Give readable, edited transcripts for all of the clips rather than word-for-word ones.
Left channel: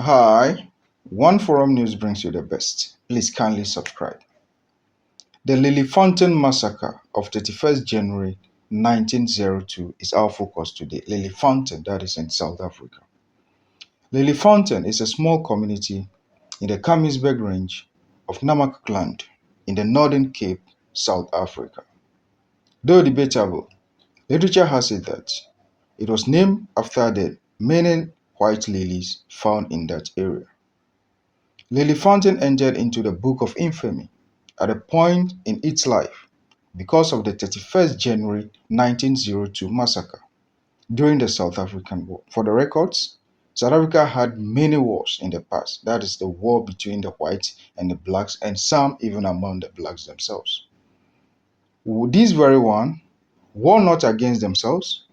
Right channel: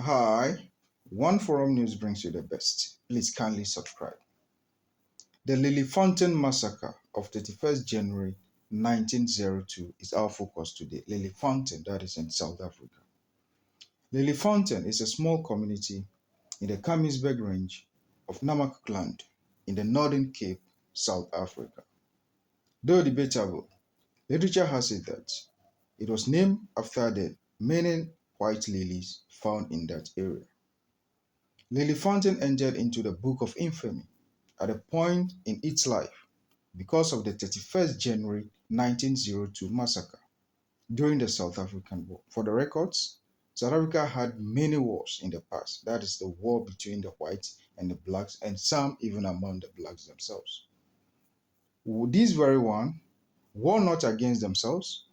Hi, One Forum News brings you the best. Please kindly subscribe. The Leliefontein Massacre of 31st January 1902 is our focus today. Leliefontein, that is in South Africa. Leliefontein is a small community in the Kamiesberg Range of Namakland in the Northern Cape, South Africa. Though debatable, literature has it that it was named after the many white lilies found in that area. Leliefontein entered into the Book of Infamy at a point in its life because of the 31st January 1902 massacre during the South African War. For the records, South Africa had many wars in the past. That is the war between the whites and the blacks, and some even among the blacks themselves. This very one war not against themselves,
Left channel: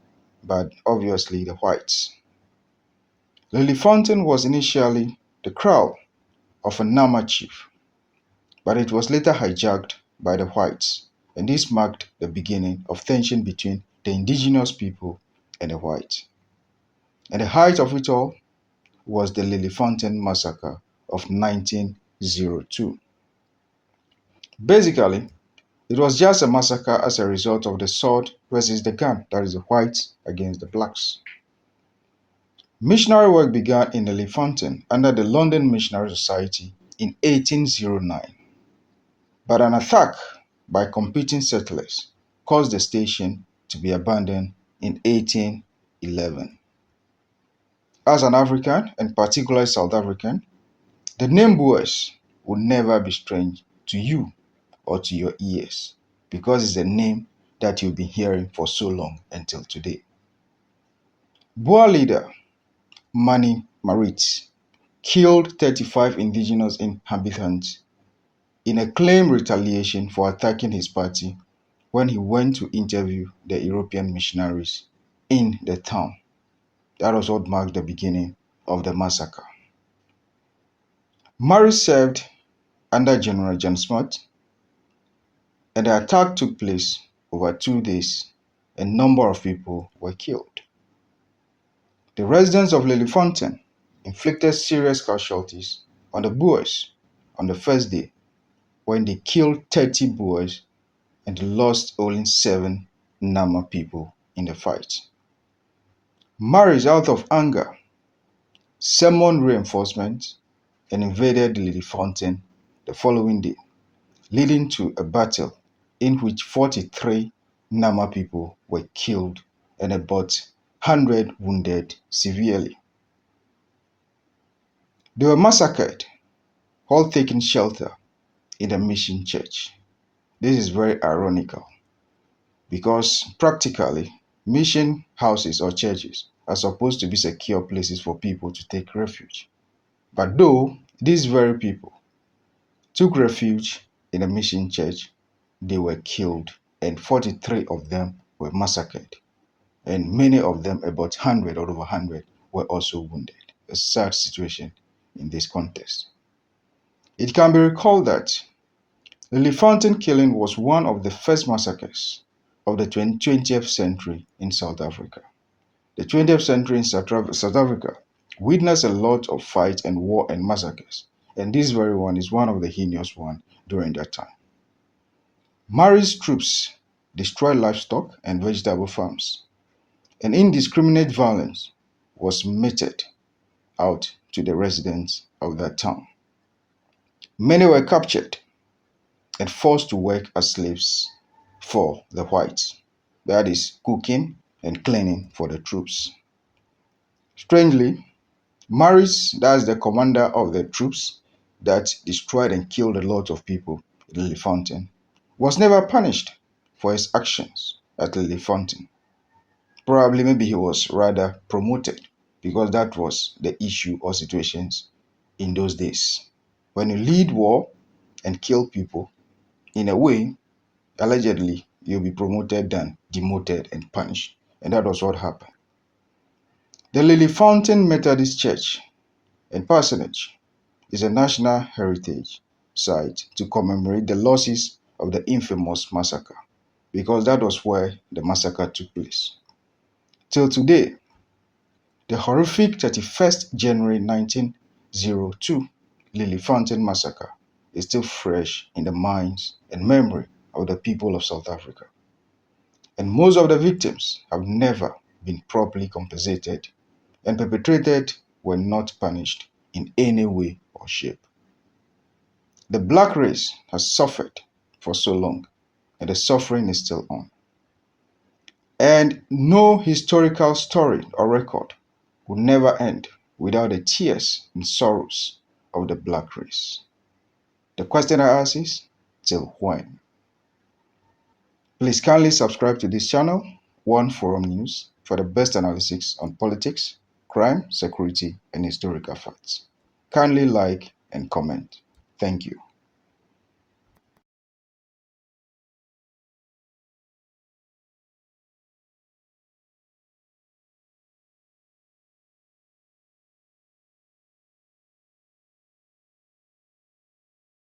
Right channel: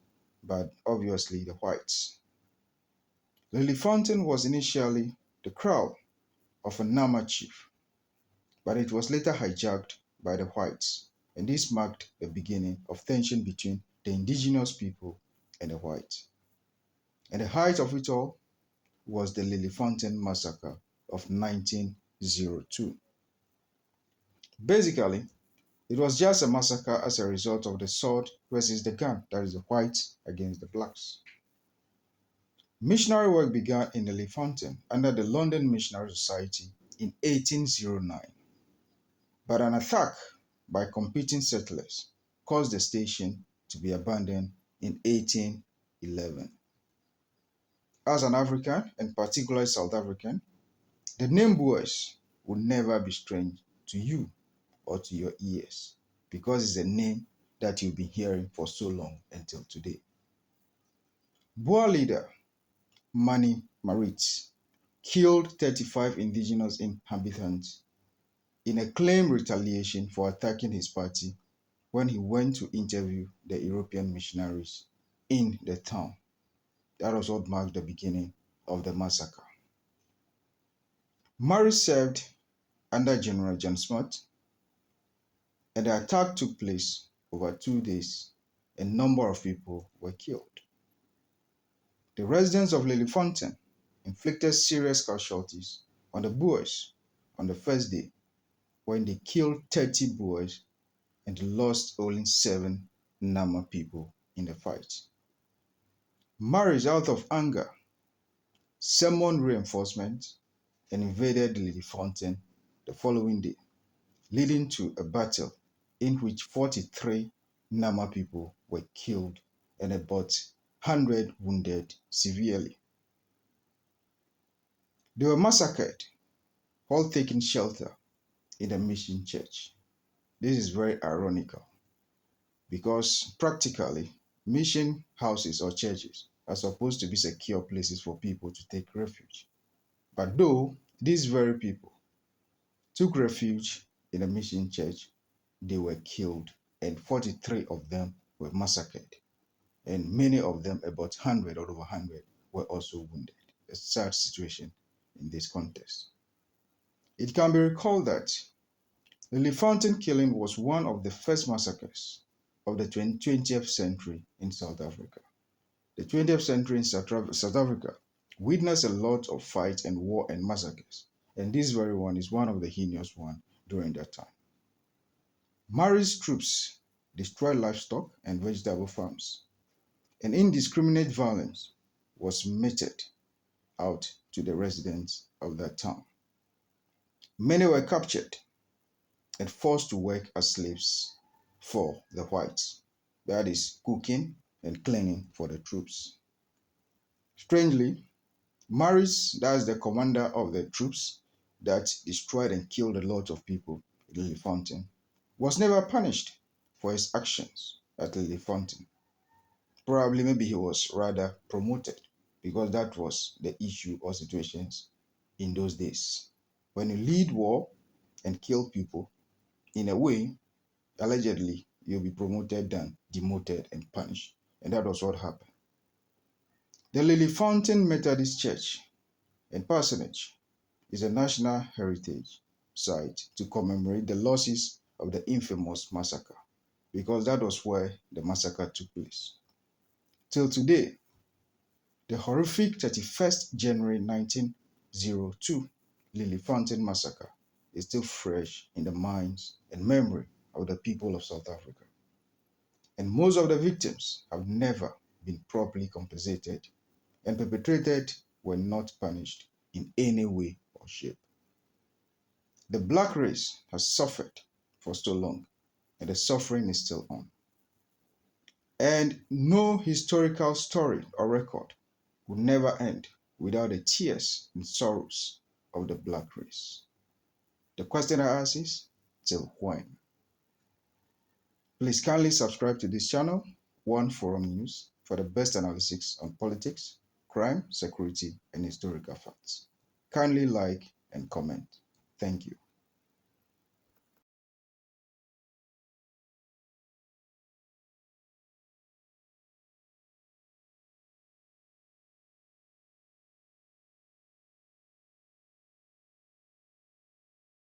but obviously the whites. Leliefontein was initially the kraal of a Nama chief, but it was later hijacked by the whites, and this marked the beginning of tension between the indigenous people and the whites. And the height of it all was the Leliefontein Massacre of 1902. Basically, it was just a massacre as a result of the sword versus the gun, that is the whites against the blacks. Missionary work began in Leliefontein under the London Missionary Society in 1809. But an attack by competing settlers caused the station to be abandoned in 1811. As an African, and particularly South African, the name Boers will never be strange to you or to your ears because it's a name that you've been hearing for so long until today. Boer leader Mani Maritz killed 35 indigenous inhabitants in a claimed retaliation for attacking his party when he went to interview the European missionaries in the town. That was what marked the beginning of the massacre. Murray served under General John Smart, and the attack took place over 2 days. A number of people were killed. The residents of Leliefontein inflicted serious casualties on the Boers on the first day when they killed 30 Boers and lost only 7 Nama people in the fight. Murray, out of anger, summoned reinforcements and invaded Leliefontein the following day, leading to a battle in which 43 Nama people were killed and about 100 wounded severely. They were massacred while taking shelter in a mission church. This is very ironical because practically mission houses or churches are supposed to be secure places for people to take refuge. But though these very people took refuge in a mission church, they were killed, and 43 of them were massacred, and many of them, about 100 or over 100, were also wounded. A sad situation in this context. It can be recalled that the Leliefontein killing was one of the first massacres of the 20th century in South Africa. The 20th century in South Africa witnessed a lot of fights and war and massacres, and this very one is one of the heinous ones during that time. Murray's troops destroyed livestock and vegetable farms, and indiscriminate violence was meted out to the residents of that town. Many were captured and forced to work as slaves for the whites, that is, cooking and cleaning for the troops. Strangely, Maris, that's the commander of the troops that destroyed and killed a lot of people at Leliefontein, was never punished for his actions at Leliefontein. Probably maybe he was rather promoted because that was the issue or situations in those days. When you lead war and kill people, in a way, allegedly, you'll be promoted than demoted and punished. And that was what happened. The Leliefontein Methodist Church and Parsonage is a national heritage site to commemorate the losses of the infamous massacre, because that was where the massacre took place. Till today, the horrific 31st January 19 1902 Leliefontein Massacre is still fresh in the minds and memory of the people of South Africa. And most of the victims have never been properly compensated, and perpetrators were not punished in any way or shape. The black race has suffered for so long, and the suffering is still on. And no historical story or record will never end without the tears and sorrows of the black race. The question I ask is, till when? Please kindly subscribe to this channel, One Forum News, for the best analysis on politics, crime, security, and historical facts. Kindly like and comment. Thank you.